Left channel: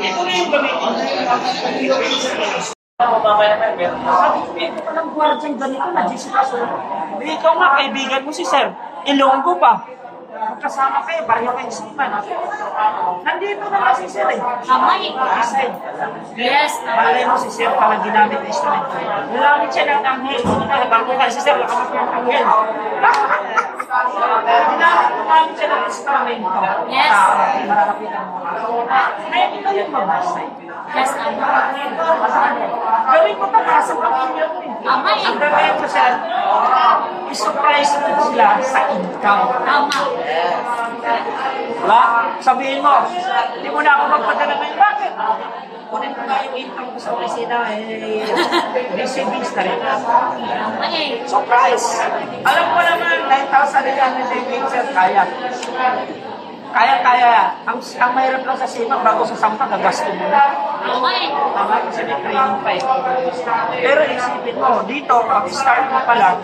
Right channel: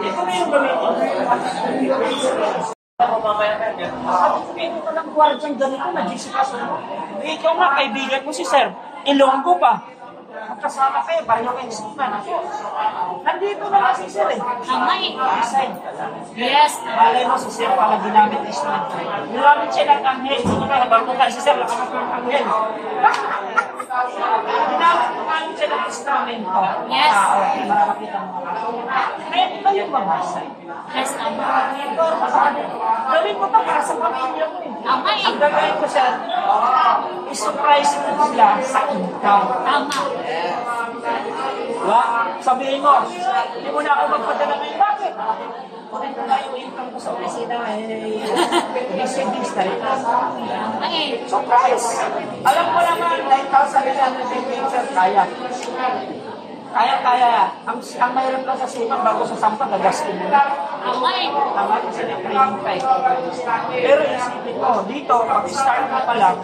Ito na yung gamitin. Sabi ko ng gwardyang ganito, nag-discuss. Dito nga, kaibigan mo si Sir. Ilonggo pa. Magkasama kayo, pareho kayo siman. Nandito na si Sir eh. Kamay. Yes. Malay mo si Sir para ginamit na instrument. Ginamit siya ng anghel. Bago ka si Sir, nakamit ng anghel. Ginamit siya ng instrumento. Yes. Mararapitan mo. Kaya ito yung mabasay. Yes, Gawin mo pa sa pamilya mo eh. Kamay. Ang gagawin ko siya, i-surprise mo sila sa ikaw. Tama. Diba? Sabihin mo, hindi mo na ako magpadala ngayon. Bakit? Kunin ko nga yung income ko sa opisina. Savings ka rin. Kamay. Surprise! Alam ko naman, 9,800 kaya. Kaya. Ang mahirap lang sa simang, bago sa sampa, gagasto mo na. Kamay. Tama kasi may training pa eh. Pero isipin mo, dito, pag-start mo pa lang,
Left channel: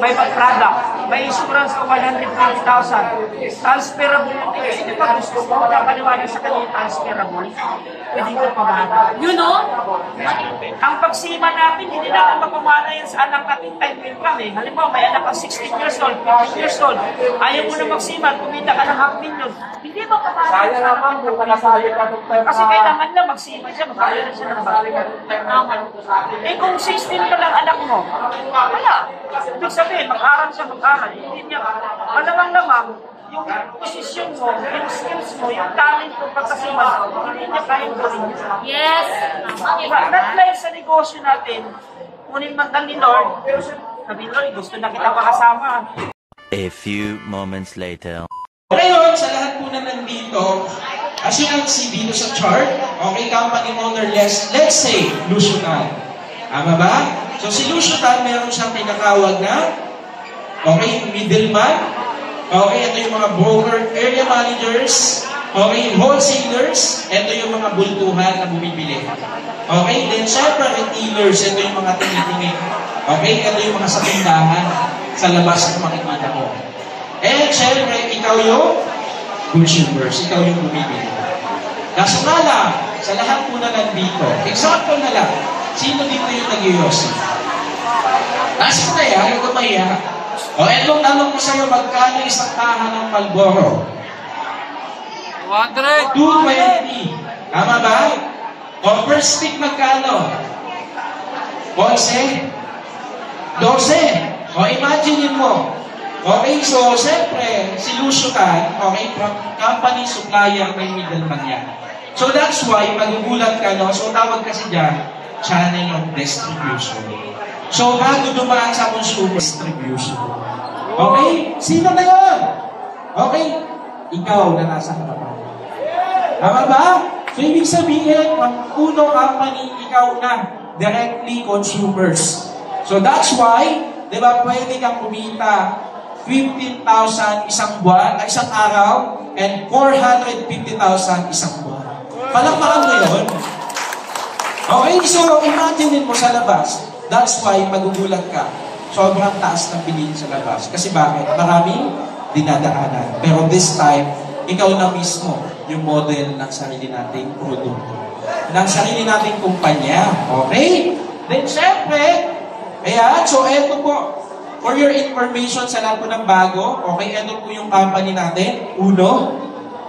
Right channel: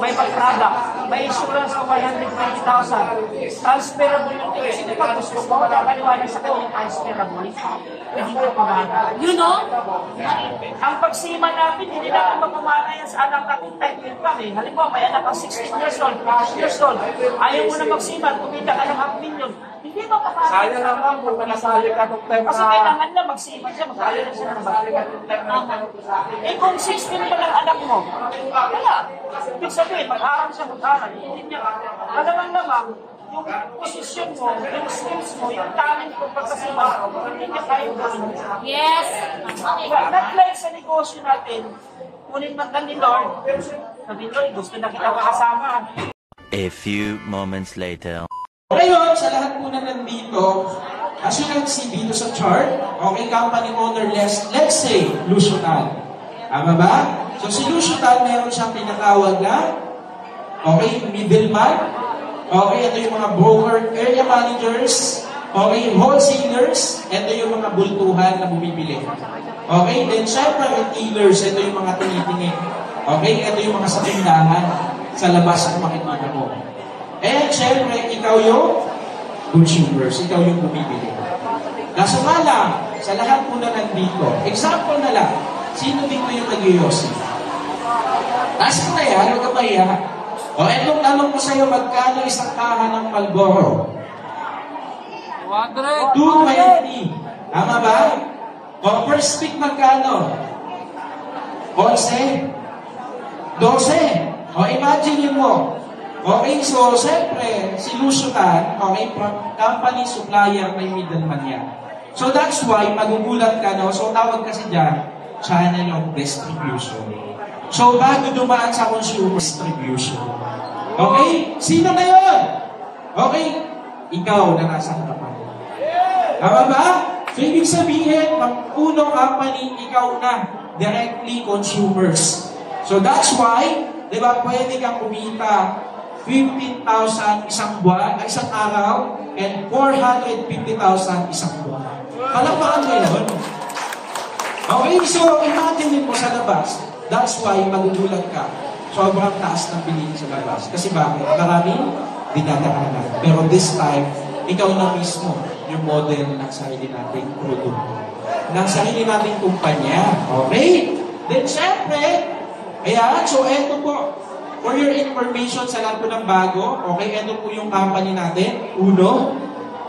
may product, may insurance ko 150,000. Transferable yung kasi di ba gusto mo, nakaliwanag sa kanya transferable. Hindi ko pamana. You know? Ang pagsima natin, hindi natin mapamana yan sa anak natin time income eh. Halimbawa, may anak kang 16 years old, 15 years old, ayaw mo na magsima, kumita ka ng $500,000. Hindi mo pamana. Sayang naman kung nakasali ka ng time. Kasi kailangan lang magsima siya, magkaya na siya ng bagay. Eh kung 16 pa lang anak mo, wala. Ibig sabihin, mag-aral siya, mag-aral. Hindi niya, malamang-lamang, yung posisyon mo, yung skills mo, yung talent mo, pagkasiman mo, hindi niya kayang gawin. Yes. Not like sa negosyo natin, kunin man kang ni Lord, sabi Lord, gusto na kita makasama. A few moments later. Ngayon, sa lahat po na nandito, kasi ang CV dito sa chart, okay, company owner, let's say, Lusutan. Tama ba? So si Lusutan, meron siyang tinatawag na, okay, middleman, okay, ito yung mga broker, area managers, okay, wholesalers, ito yung mga bultuhan na bumibili. Okay, then syempre, retailers, ito yung mga tinitingin. Okay, ito yung mga sa tindahan, sa labas ng makikita mo. And syempre, ikaw yung consumers, ikaw yung bumibili. Kaso nga lang, sa lahat po na nandito, example na lang, sino dito yung nag-iossi? Nasa na yan, yung kumaya. O etong tanong ko sa'yo, magkano isang kahan ng Marlboro? 200! 220. Tama ba? O per stick magkano? 11? 12? O imagine mo. Okay, so siyempre, si Lusutan, okay, company supplier may middleman yan. So that's why, magugulat ka, no? So tawag kasi dyan, channel of distribution. So bago dumaan sa consumer distribution. Okay? Sino na yun? Okay? Ikaw na nasa harapan. Tama ba? So ibig sabihin, ang unang company, ikaw na. Directly consumers. So that's why, di ba, pwede kang kumita 15,000 isang buwan, isang araw, and 450,000 isang buwan. Palakpakan mo yun. Okay, so imagine mo sa labas. That's why magugulat ka. Sobrang taas ng bilihin sa labas. Kasi bakit? Maraming dinadaanan. Pero this time, ikaw na mismo yung model ng sarili nating produkto. Ng sarili nating kumpanya. Okay? Then, syempre, ayan, so eto po. For your information sa lahat po ng bago, okay, eto po yung company natin. Uno,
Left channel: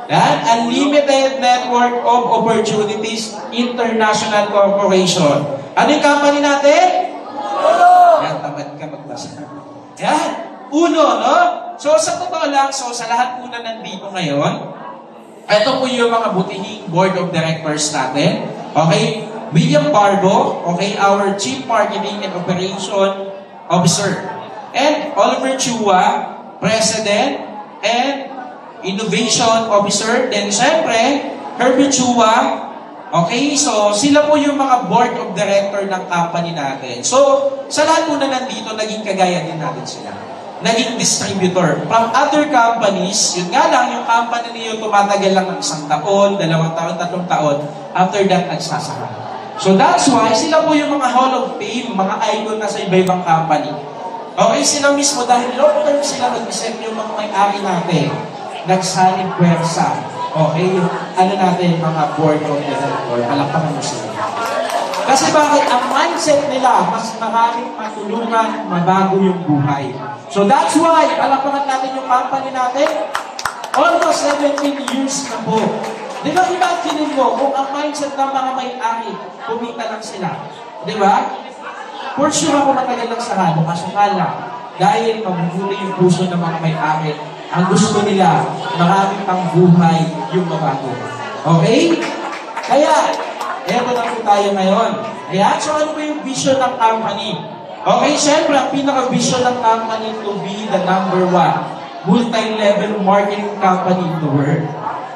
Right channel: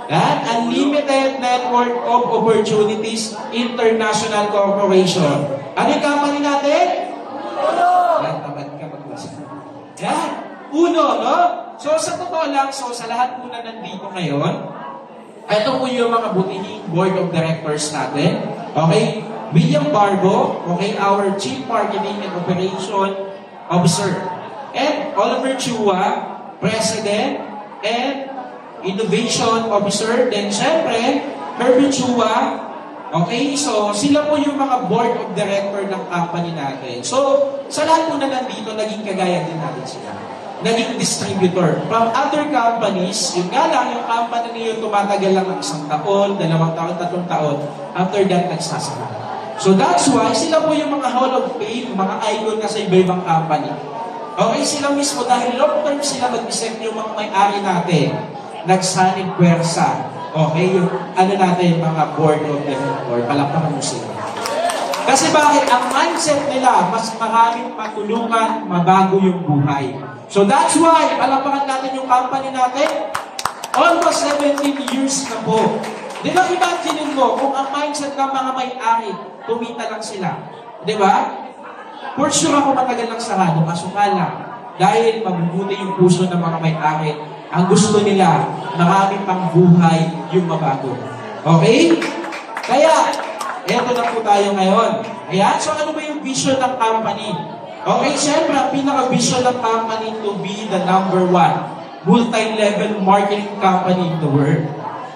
yan, Unlimited Network of Opportunities International Corporation. Ano yung company natin? Yan, tamad ka magbasa. Yan, Uno, no? So, sa totoo lang, so sa lahat po na nandito ngayon, ito po yung mga butihing board of directors natin. Okay? William Barbo, okay, our Chief Marketing and Operation Officer. And Oliver Chua, President and Innovation Officer. Then, syempre, Herbert Chua. Okay, so sila po yung mga board of director ng company natin. So, sa lahat po na nandito, naging kagaya din natin sila. Naging distributor. From other companies, yun nga lang, yung company niyo tumatagal lang ng 1 taon, 2 taon, 3 taon. After that, nagsasara. So that's why, sila po yung mga Hall of Fame, mga icon na sa iba-ibang company. Okay, sila mismo, dahil long term sila nag-isip yung mga may-ari natin, nagsanib pwersa. Okay, yung ano natin, mga board of director, palakpakan mo sila. Kasi bakit? Ang mindset nila, mas maraming matulungan, mabago yung buhay. So that's why, palakpakan natin yung company natin, almost 17 years na po. Di ba, imagine mo, kung ang mindset ng mga may-ari, kumita lang sila. Di ba? For sure ako matagal lang sarado, kaso nga lang, dahil mabubuti yung puso ng mga may-ari, ang gusto nila, maraming pang buhay yung mabago. Okay? Kaya, eto na po tayo ngayon. Ayan, so ano ba yung vision ng company? Okay, syempre, ang pinaka-vision ng company to be the number 1 multi-level marketing company in the world.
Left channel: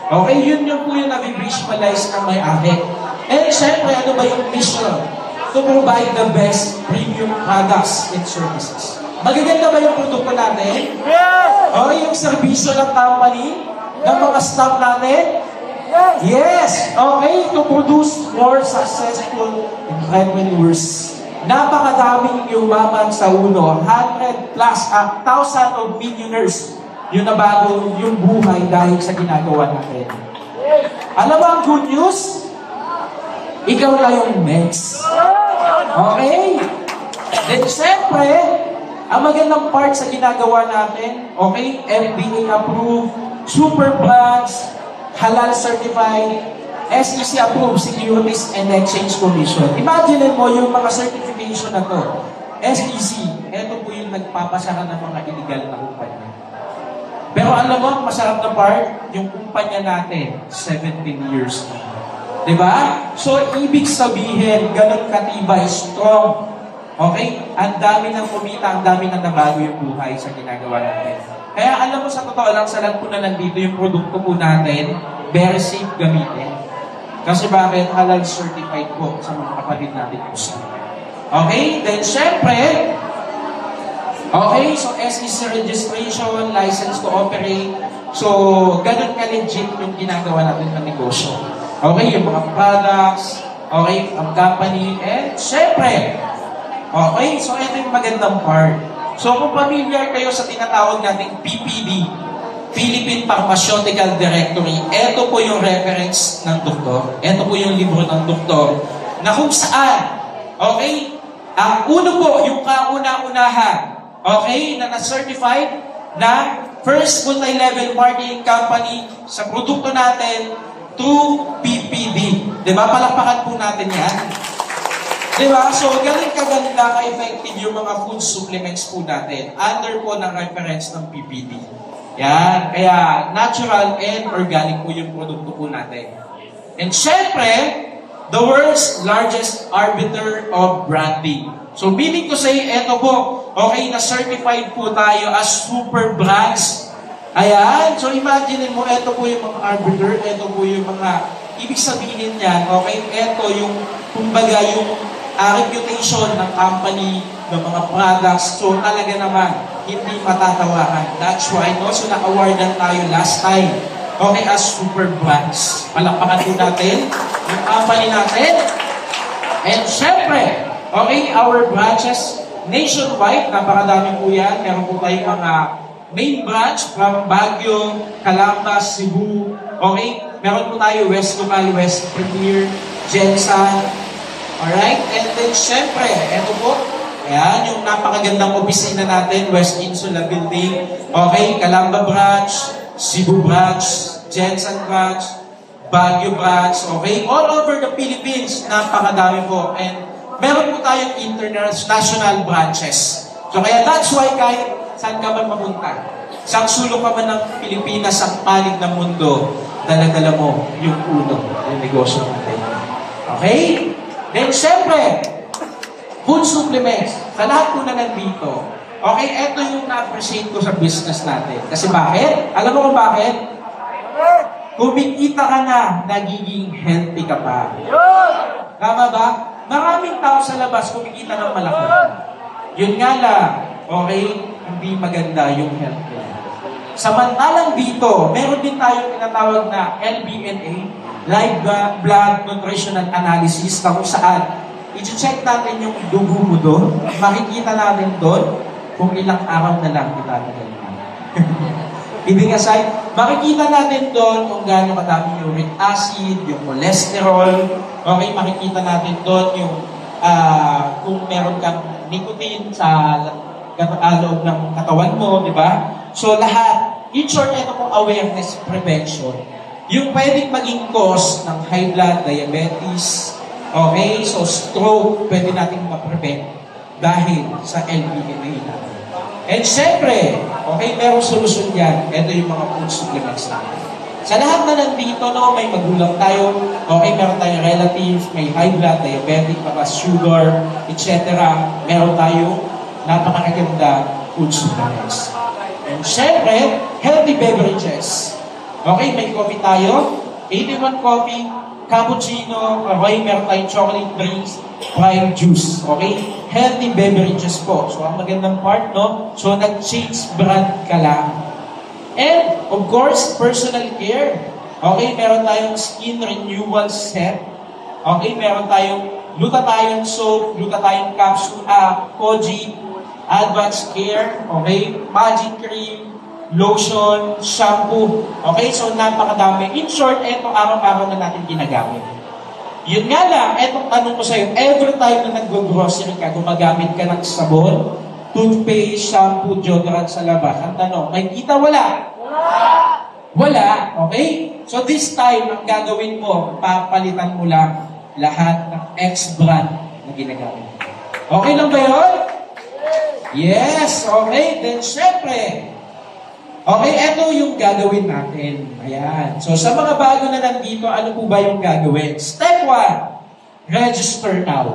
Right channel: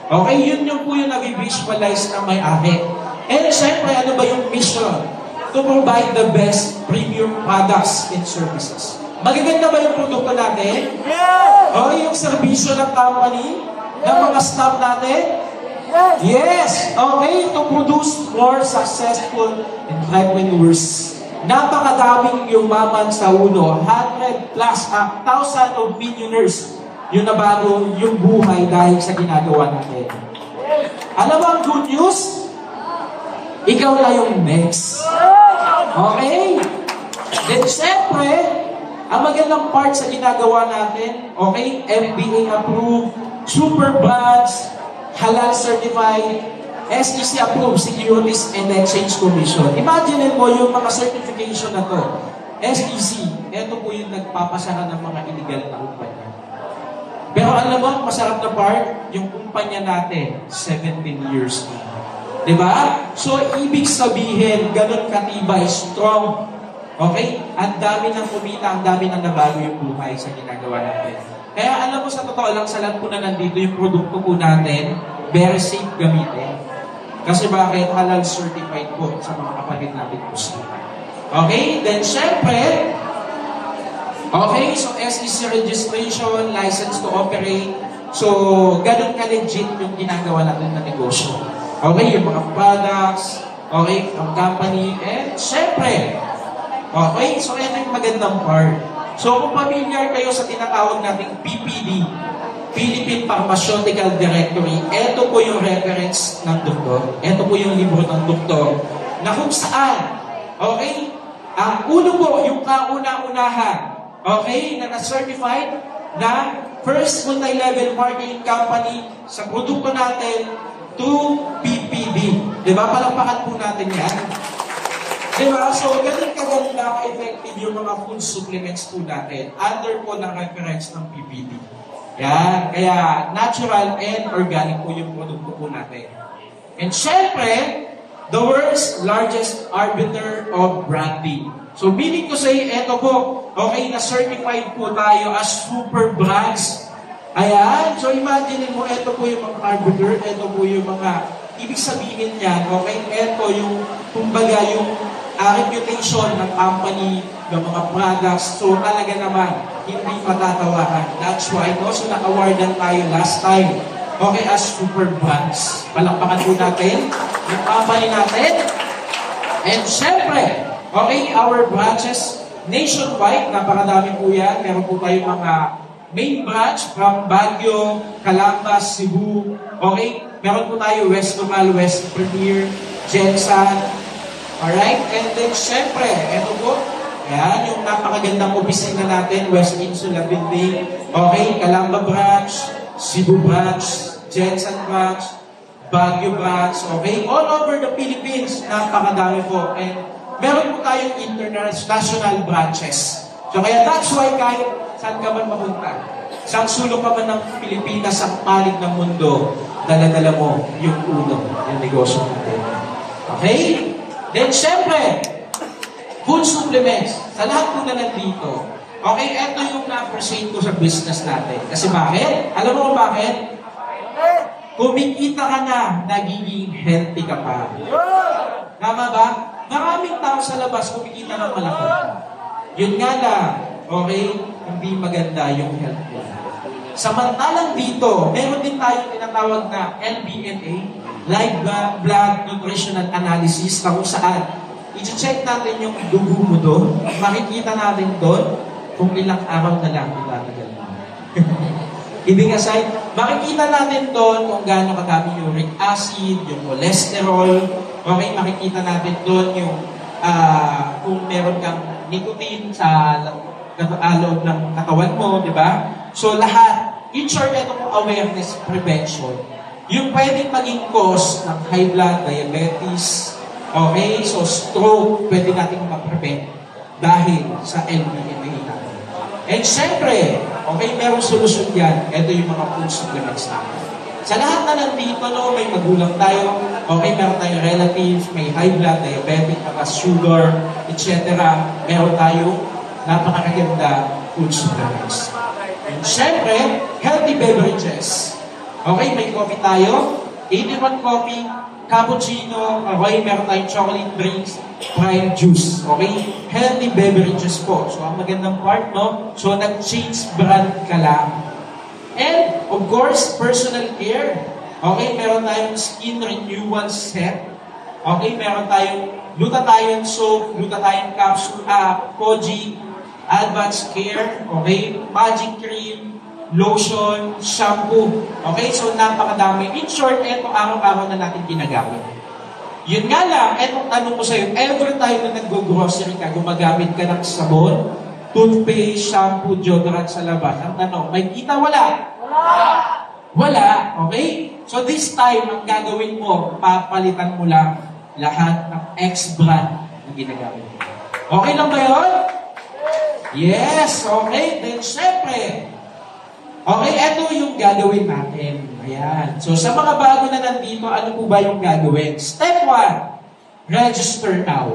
Okay, yun yung po yung nabivisualize ng may-ari. And syempre, ano ba yung mission? To provide the best premium products and services. Magaganda ba yung produkto natin? Yes! O yung serbisyo ng company? Ng mga staff natin? Yes! Okay, to produce more successful entrepreneurs. Napakadaming yumaman sa ulo. 100 plus, 1,000 of millionaires yung nabago yung buhay dahil sa ginagawa natin. Alam mo ang good news? Ikaw na yung next. Okay? Then, siyempre, ang magandang part sa ginagawa natin, okay, FDA approved, super brands, halal certified, SEC approved, Securities and Exchange Commission. Imagine mo yung mga certification na to. SEC, ito po yung nagpapasara ng mga illegal na kumpanya. Pero alam mo, masarap na part, yung kumpanya natin, 17 years na. Diba? So, ibig sabihin, ganun katibay, strong. Okay? Ang dami ng kumita, ang dami ng nabago yung buhay sa ginagawa natin. Kaya alam mo, sa totoo lang, sa lahat po na nandito, yung produkto po natin, very safe gamitin. Kasi bakit? Halal certified po sa mga kapatid natin po sila. Okay? Then, syempre, okay, so SEC registration, license to operate. So, ganun ka-legit yung ginagawa natin na negosyo. Okay, yung mga products, okay, ang company, and syempre, okay, so ito yung magandang part. So, kung familiar kayo sa tinatawag nating PPD, Philippine Pharmaceutical Directory, ito po yung reference ng doktor. Ito po yung libro ng doktor na kung saan, okay, ang uno po, yung kauna-unahan, okay, na na-certified na first multi-level marketing company sa produkto natin through PPD. Diba? Palakpakan po natin yan. Diba? So, ganun kaganda, ka-effective yung mga food supplements po natin under po ng reference ng PPD. Yan. Kaya, natural and organic po yung produkto po natin. And syempre, the world's largest arbiter of branding. So, meaning ko say, eto po, okay, na-certified po tayo as super brands. Ayan. So, imagine mo, eto po yung mga arbiter, eto po yung mga, ibig sabihin niyan, okay, eto yung, kumbaga, yung reputation ng company, ng mga products. So, talaga naman, hindi matatawakan. That's why, no? So, naka-awardan tayo last time. Okay, as super brands. Palakpakan po natin yung company natin. And syempre, okay, our branches nationwide, napakadami po yan. Meron po tayong mga main branch from Baguio, Calambas, Cebu. Okay, meron po tayo West Local, West Premier, Jensan. Alright, and then syempre, eto po, yan, yung napakagandang opisina natin, West Insula Building. Okay, Calamba branch, Cebu branch, Jensan branch, Baguio branch, okay? All over the Philippines, napakadami po. And meron po tayong international branches. So kaya that's why kahit saan ka man mapunta, saan sulok ka man ng Pilipinas, sa palig ng mundo, dala-dala mo yung uno, yung negosyo natin. Okay? Then syempre, food supplements, sa lahat po na nandito, okay, eto yung na-appreciate ko sa business natin. Kasi bakit? Alam mo kung bakit? Kumikita ka na, nagiging healthy ka pa. Tama ba? Maraming tao sa labas kumikita ng malaki. Yun nga lang, okay, hindi maganda yung health nila. Samantalang dito, meron din tayong tinatawag na LBNA, Live Blood Nutritional Analysis, na kung saan i-check natin yung dugo mo doon, makikita natin doon kung ilang araw na lang itatagal mo. Kidding aside, makikita natin doon kung gaano kadami yung uric acid, yung cholesterol. Okay, makikita natin doon yung kung meron kang nicotine sa loob ng katawan mo, di ba? So lahat, in short, ito pong awareness prevention. Yung pwedeng maging cause ng high blood, diabetes, okay, so stroke, pwede natin ma-prevent dahil sa LBMA. And syempre, okay, merong solusyon yan. Ito yung mga food supplements natin. Sa lahat na nandito, no, may magulang tayo, okay, meron tayong relatives, may high blood, diabetic, mataas sugar, etc. Meron tayo napakaganda food supplements. And syempre, healthy beverages. Okay, may coffee tayo, 81 coffee, cappuccino, okay, meron tayong chocolate drinks, prime juice, okay? Healthy beverages po. So, ang magandang part, no? So, nag-change brand ka lang. And, of course, personal care. Okay, meron tayong skin renewal set. Okay, meron tayong glutathione soap, glutathione capsule, Koji, advanced care, okay, magic cream, lotion, shampoo. Okay, so napakadami. In short, etong araw-araw na natin ginagamit. Yun nga lang, etong tanong ko sa'yo, every time na nag-grocery ka, gumagamit ka ng sabon, toothpaste, shampoo, deodorant sa labas. Ang tanong, may kita wala? Wala, okay? So this time, ang gagawin mo, papalitan mo lang lahat ng X-brand na ginagamit. Okay lang ba yun? Yes, okay. Then, syempre, okay, ito yung gagawin natin. Ayan. So, sa mga bago na nandito, ano po ba yung gagawin? Step 1, register now.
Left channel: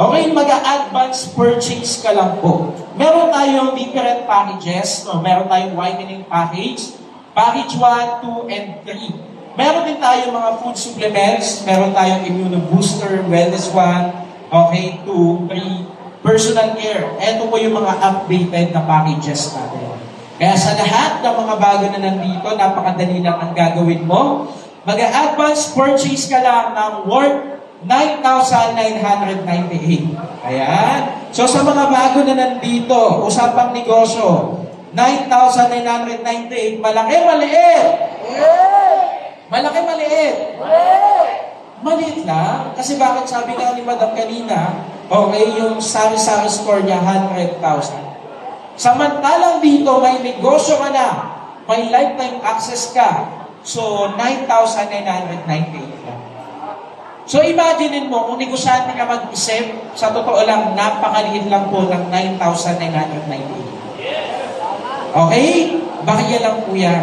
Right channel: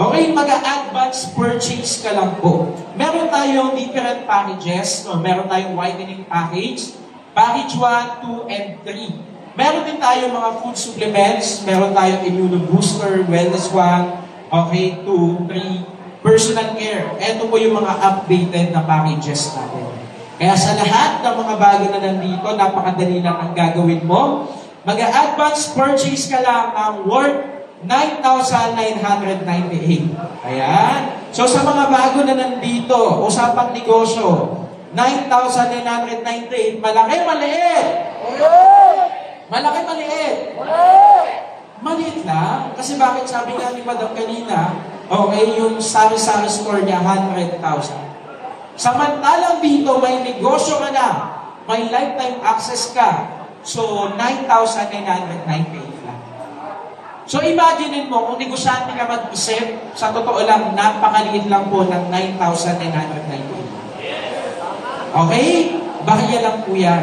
Okay, mag-advance purchase ka lang po. Meron tayong different packages. No? Meron tayong whitening package. Package 1, 2, and 3. Meron din tayong mga food supplements. Meron tayong immunobooster, wellness 1, okay, 2, 3, personal care. Ito po yung mga updated na packages natin. Kaya sa lahat ng mga bago na nandito, napakadali lang ang gagawin mo. Mag-advance purchase ka lang ng worth 9,998. Ayan. So sa mga bago na nandito, usapang negosyo, 9,998. Malaki, maliit? Malaki, maliit? Maliit lang. Kasi bakit sabi nga ni Madam kanina, okay, yung sari-sari store niya, 100,000. Samantalang dito, may negosyo ka na, may lifetime access ka, so 9,998 lang. So imagine mo, kung negosyante ka mag-isip, sa totoo lang, napakaliit lang po ng 9,998. Okay? Barya lang po yan.